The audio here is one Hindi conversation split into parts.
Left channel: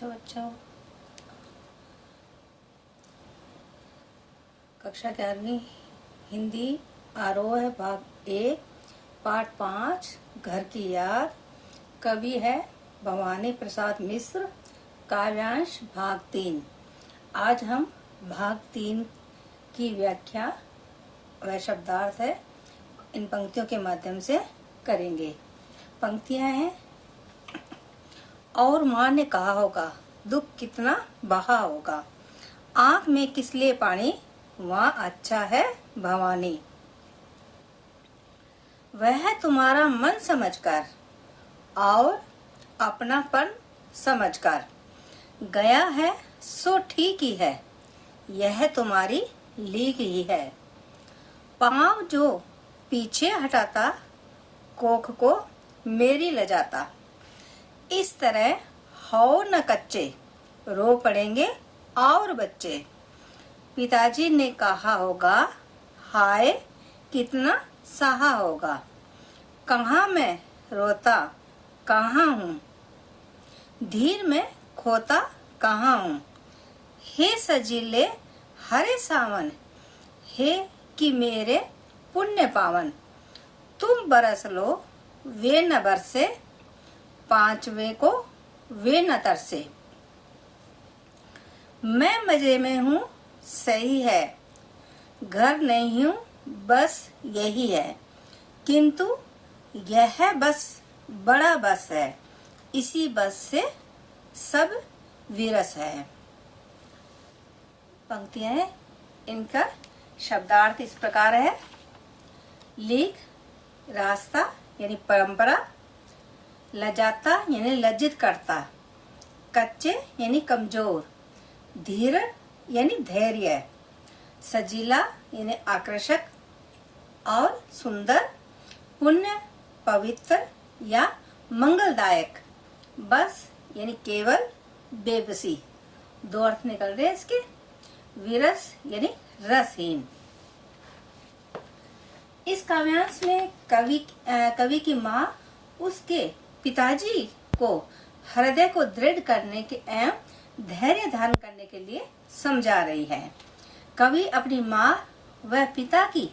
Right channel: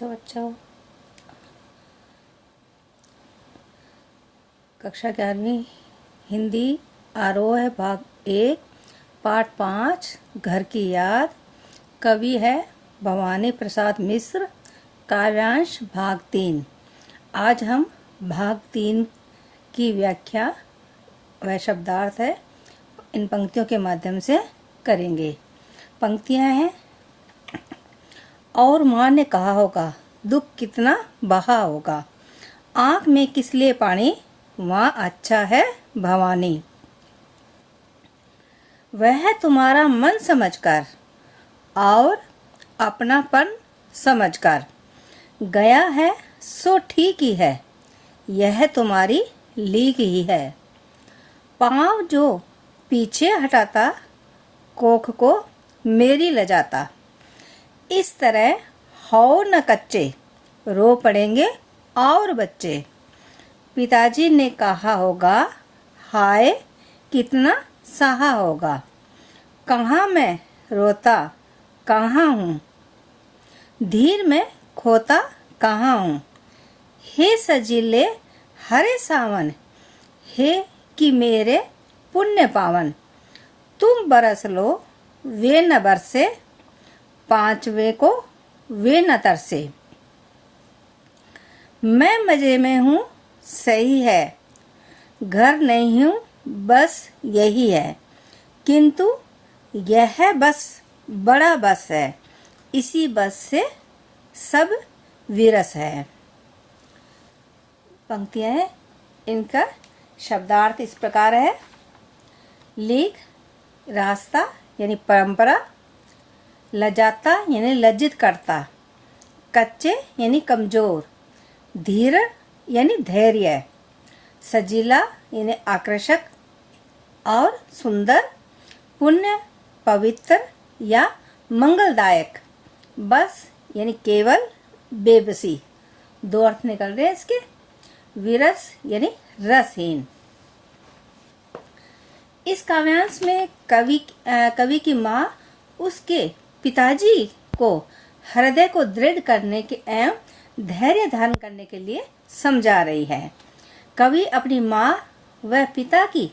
बच्चों कक्षा 11वीं हिंदी आरोह भाग 1 पाठ 5 घर की याद। कवि है भवानी प्रसाद मिश्र। काव्यांश भाग 3। आज हम भाग 3 की व्याख्या व शब्दार्थ है इन पंक्तियों के माध्यम से करेंगे। पंक्तियां हैं। और माँ ने कहा होगा दुख कितना बहा होगा, आँख में किस लिए पानी, वहाँ अच्छा है भवानी। वह तुम्हारा मन समझकर और अपनापन समझकर गया है सो ठीक ही है, यह तुम्हारी लीक ही है। पाँव जो पीछे हटाता कोख को मेरी लजाता, इस तरह हो न कच्चे रो पड़ेंगे और बच्चे। पिताजी ने कहा होगा हाय कितना सहा होगा, कहाँ मैं रोता कहाँ हूँ, धीर में खोता कहाँ हूँ। हे सजीले हरे सावन, हे कि मेरे पुण्य पावन, तुम बरस लो वे न बरसे, पांचवे को वे न तरसे। मैं मजे में हूँ सही है, घर नहीं हूँ बस यही है, किंतु यह बस बड़ा बस है, इसी बस से सब विरस है। पंक्तियां हैं, इनका शब्दार्थ इस प्रकार है। लीक रास्ता यानी परंपरा, लजाता यानी लज्जित करता, कच्चे यानी कमजोर, धीर यानी धैर्य, सजीला यानी आकर्षक और सुंदर, पुण्य पवित्र या मंगलदायक, बस यानी केवल बेबसी। दो अर्थ निकल रहे हैं इसके। विरस यानी रसहीन। इस काव्यांश में कवि की माँ उसके पिताजी को हृदय को दृढ़ करने के एवं धैर्य धारण करने के लिए समझा रही है। कवि अपनी माँ व पिता की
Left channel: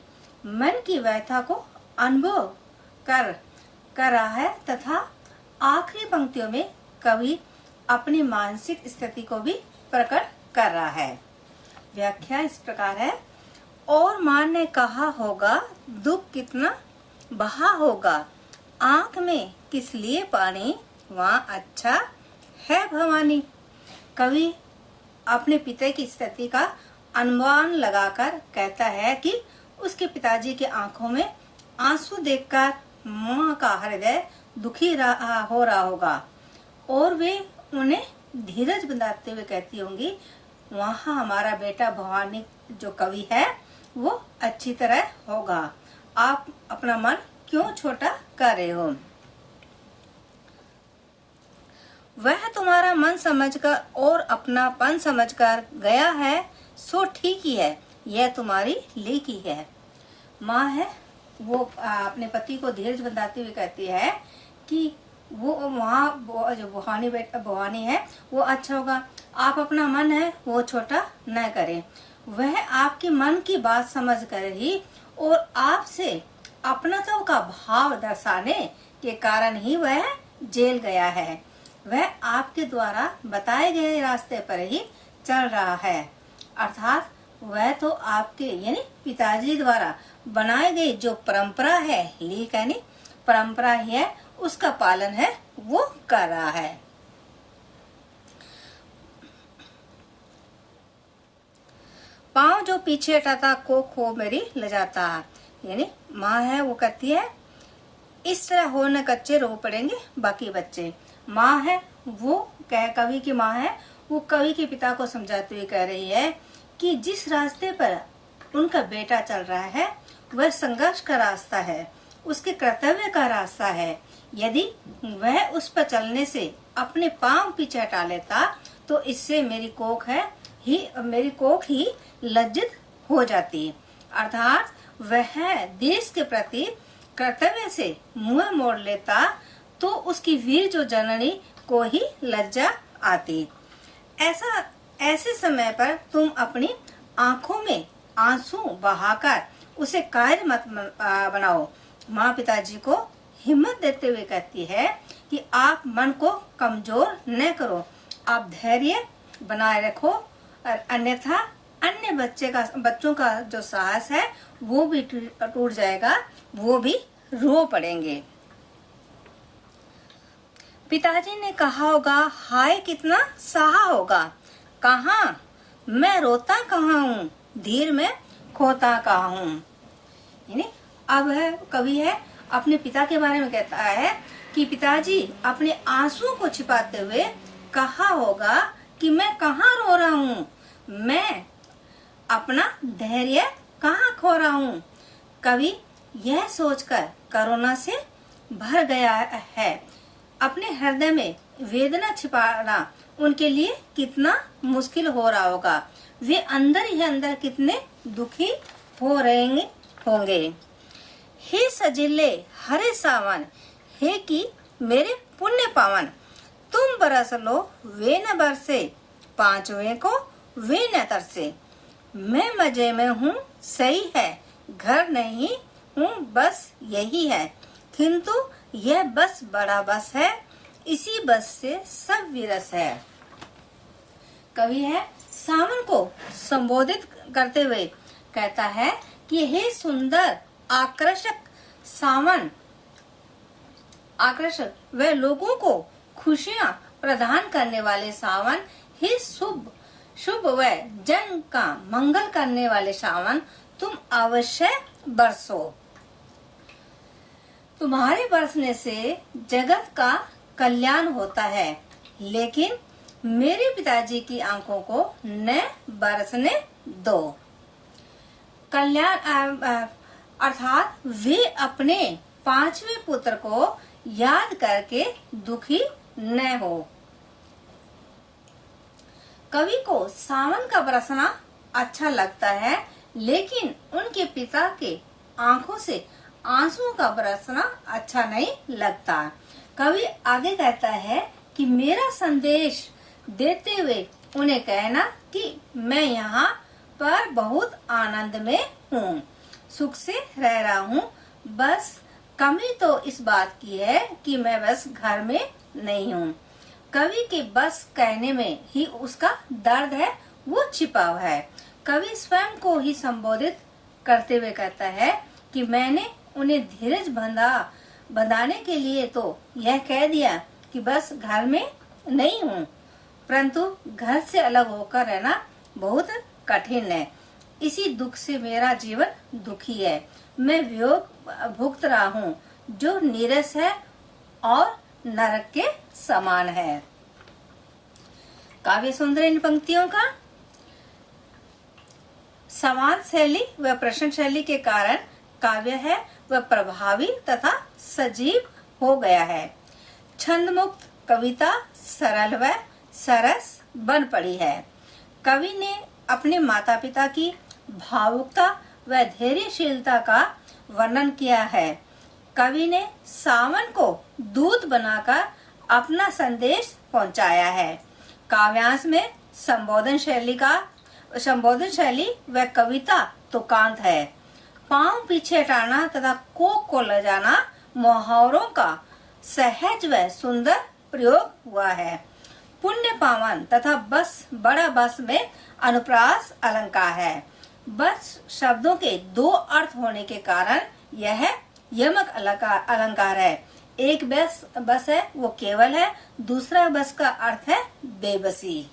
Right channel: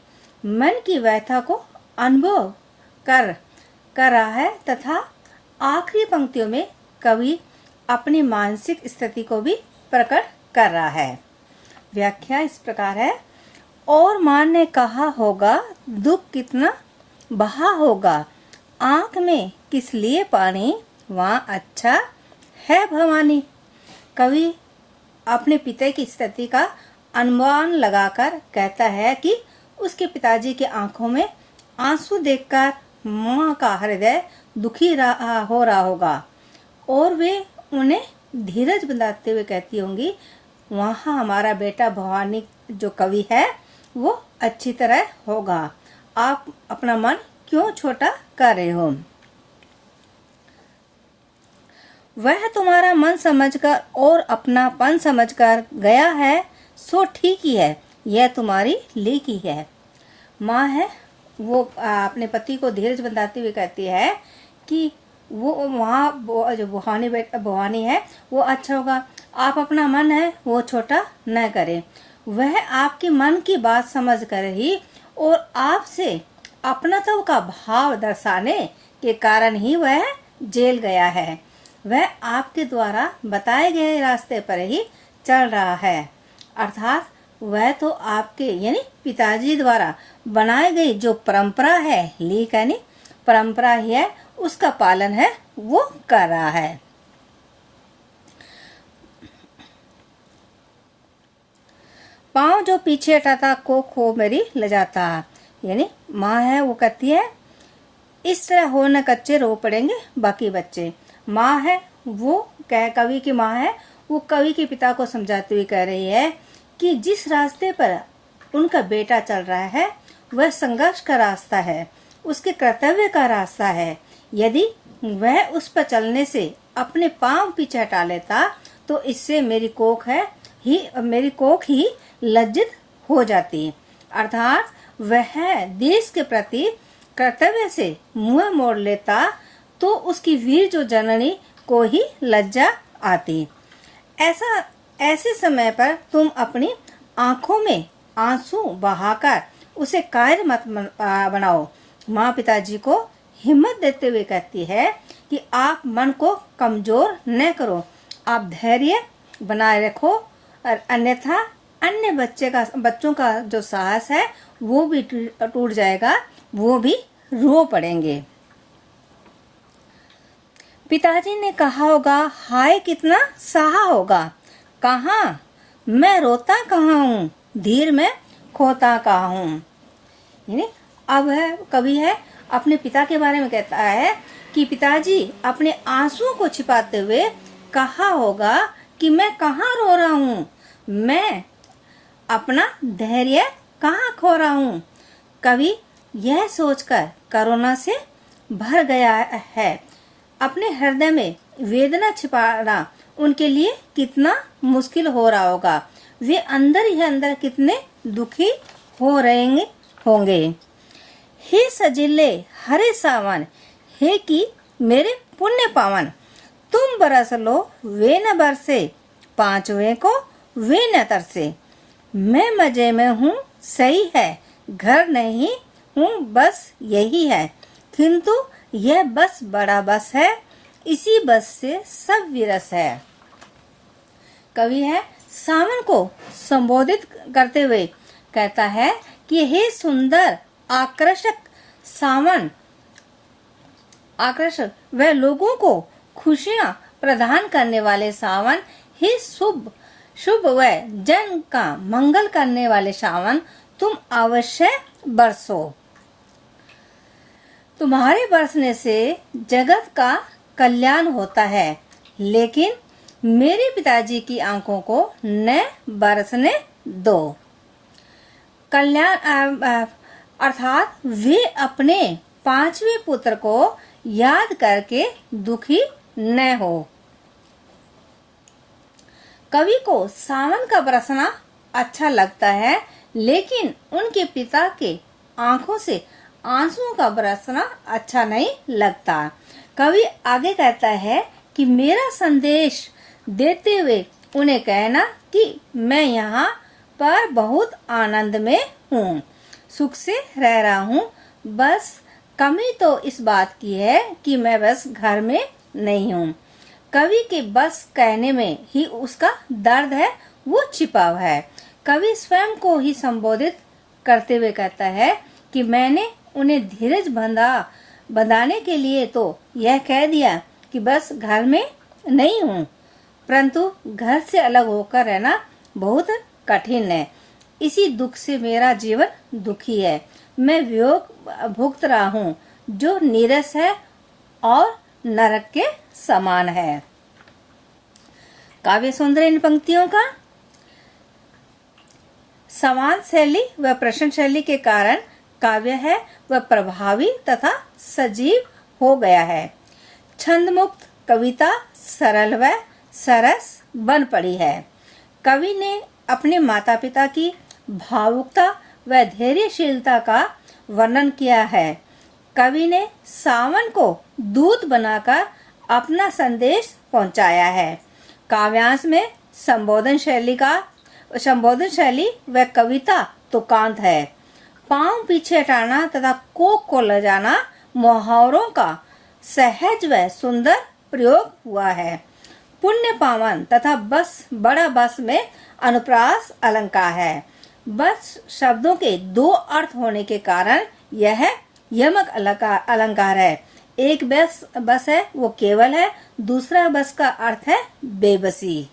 मन की व्यथा को अनुभव कर रहा है तथा आखिरी पंक्तियों में कवि अपनी मानसिक स्थिति को भी प्रकट कर रहा है। व्याख्या इस प्रकार है। और माँ ने कहा होगा दुख कितना बहा होगा, आँख में किस लिए पानी, वहाँ अच्छा है भवानी। कवि अपने पिता की स्थिति का अनुमान लगाकर कहता है कि उसके पिताजी की आंखों में आंसू देखकर माँ का हृदय दुखी हो रहा होगा और वे उन्हें धीरज बंधाते हुए कहती होंगी वहाँ हमारा बेटा भवानी जो कवि है वो अच्छी तरह होगा, आप अपना मन क्यों छोटा कर रहे हो। वह तुम्हारा मन समझकर और अपनापन समझकर गया है सो ठीक ही है, यह तुम्हारी लीक ही है। माँ है वो अपने पति को धीरज बंधाते हुए कहती है कि वो वहाँ जो भवानी है वो अच्छा होगा, आप अपना मन है वो छोटा न करें। वह आपके मन की बात समझ कर ही और आपसे अपनत्व का भाव दर्शाने के कारण ही वह जेल गया है। वह आपके द्वारा बताए गए रास्ते पर ही चल रहा है, अर्थात वह तो आपके यानी पिताजी द्वारा बनाई गई जो परंपरा है, लीक यानी परंपरा ही है, उसका पालन है वो कर रहा है। पाँव जो पीछे हटाता को मेरी लजाता, यानी माँ है वो कहती है इस तरह हो न कच्चे रो पड़ेंगे बाकी बच्चे। माँ है वो कवि की माँ है वो कवि के पिता को समझाते हुए कह रही है कि जिस रास्ते पर उनका बेटा चल रहा है वह संघर्ष का रास्ता है, उसके कर्तव्य का रास्ता है। यदि वह उस पर चलने से अपने पांव पीछे हटा लेता तो इससे मेरी कोख ही लज्जित हो जाती, अर्थात वह देश के प्रति कर्तव्य से मुंह मोड़ लेता तो उसकी वीर जो जननी को ही लज्जा आती। ऐसे समय पर तुम अपनी आंखों में आंसू बहाकर उसे कायर मत बनाओ। माँ पिताजी को हिम्मत देते हुए कहती है कि आप मन को कमजोर न करो, आप धैर्य बनाए रखो, और अन्यथा अन्य बच्चों का जो साहस है वो भी टूट जाएगा, वो भी रो पड़ेंगे। पिताजी ने कहा होगा, हाय कितना सहा होगा, कहाँ मैं रोता कहाँ हूँ, धीर में खोता कहाँ हूँ। यानी अब है कवि है अपने पिता के बारे में कहता है कि पिताजी अपने आंसुओं को छिपाते हुए कहा होगा कि मैं कहाँ रो रहा हूँ, मैं अपना धैर्य कहाँ खो रहा हूँ। कवि यह सोचकर करुणा से भर गया है। अपने हृदय में वेदना छिपाना उनके लिए कितना मुश्किल हो रहा होगा। वे अंदर ही अंदर कितने दुखी हो रहे होंगे। हे सजिले हरे सावन, हे कि मेरे पुण्य पावन, तुम बरस लो वे न बरसे, पांचवे को वे न तरसे। मैं मजे में हूँ सही है, घर नहीं हूँ बस यही है, किंतु यह बस बड़ा बस है, इसी बस से सब विरस है। कवि है सावन को संबोधित करते हुए कहता है कि हे सुंदर आकर्षक सावन, आकर्षक वह लोगों को खुशियां प्रदान करने वाले सावन, हे शुभ व जन का मंगल करने वाले सावन, तुम अवश्य बरसो। तुम्हारे बरसने से जगत का कल्याण होता है, लेकिन मेरे पिताजी की आंखों को न बरसने दो। कल्याण अर्थात वे अपने पांचवें पुत्र को याद करके दुखी न हो। कवि को सावन का बरसना अच्छा लगता है, लेकिन उनके पिता के आंखों से आंसुओं का बरसना अच्छा नहीं लगता। कवि आगे कहता है कि मेरा संदेश देते हुए उन्हें कहना कि मैं यहाँ पर बहुत आनंद में हूँ, सुख से रह रहा हूँ, बस कमी तो इस बात की है कि मैं बस घर में नहीं हूँ। कवि के बस कहने में ही उसका दर्द है, वो छिपा हुआ है। कवि स्वयं को ही संबोधित करते हुए कहता है कि मैंने उन्हें धीरज बंधाने के लिए तो यह कह दिया कि बस घर में नहीं हूँ, परंतु घर से अलग होकर रहना बहुत कठिन है। इसी दुख से मेरा जीवन दुखी है। मैं वियोग भुगत रहा हूँ जो नीरस है और नरक के समान है। काव्य सौंदर्य इन पंक्तियों का समान शैली व प्रश्न शैली के कारण काव्य है वह प्रभावी तथा सजीव हो गया है। छंद मुक्त कविता सरल व सरस बन पड़ी है। कवि ने अपने माता पिता की भावुकता व धैर्यशीलता का वर्णन किया है। कवि ने सावन को दूत बनाकर अपना संदेश पहुंचाया है। काव्यांश में संबोधन शैली व कविता तुकांत है। पांव पीछे हटाना तथा कोक को ले जाना मुहावरों का सहज व सुंदर प्रयोग हुआ है। पुण्य पावन तथा बस बड़ा बस में अनुप्रास अलंकार है। बस शब्दों के दो अर्थ होने के कारण यह यमक अलंकार है। एक बस है वो केवल है, दूसरा बस का अर्थ है बेबसी।